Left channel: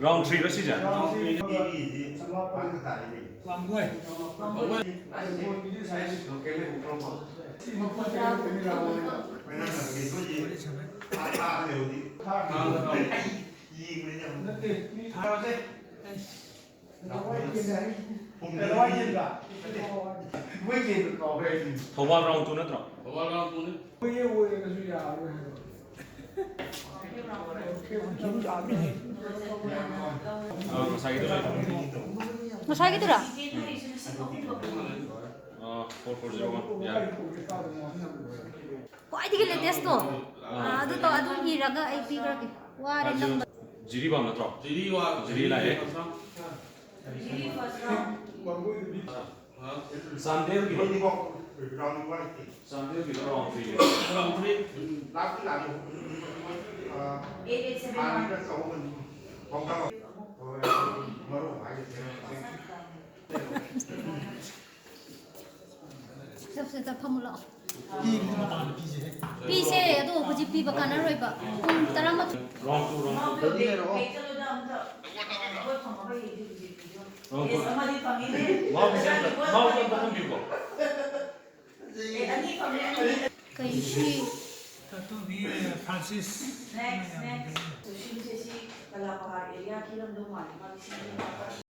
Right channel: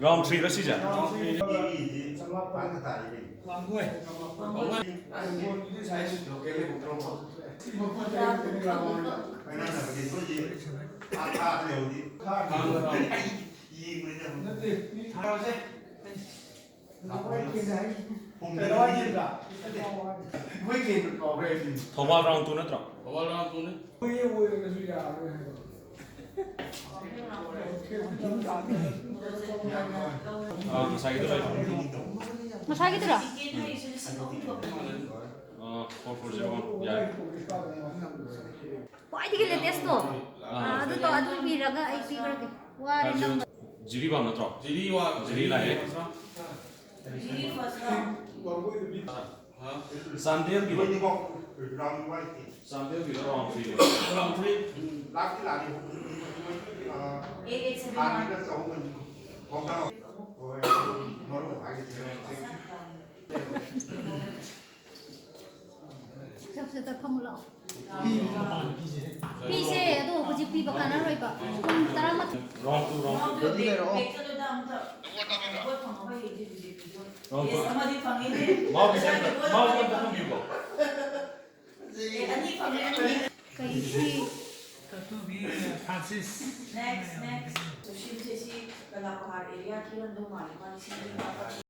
Round 3 đó xí Thawal round 2 natra. Thawal round 2 ne. Masai gitu lah. Masai gitu dah. 4401 ya. Wah itu kita tes tu. Aduh hiraga IP berarti. Wah rendah. Jiri ba natra. Jiri lah ya. Jiri first round. Sandel gitu. Sandel gitu round 3. Round 3. Siap pemula. Pise itu Houjik piba kanan Oiriba. Terang mat. Round 2. Mau bisa gitu. Satu di Francis. Next. So, she says, "Kalau aku hari ini, aku belum tahu mana. Mana sih?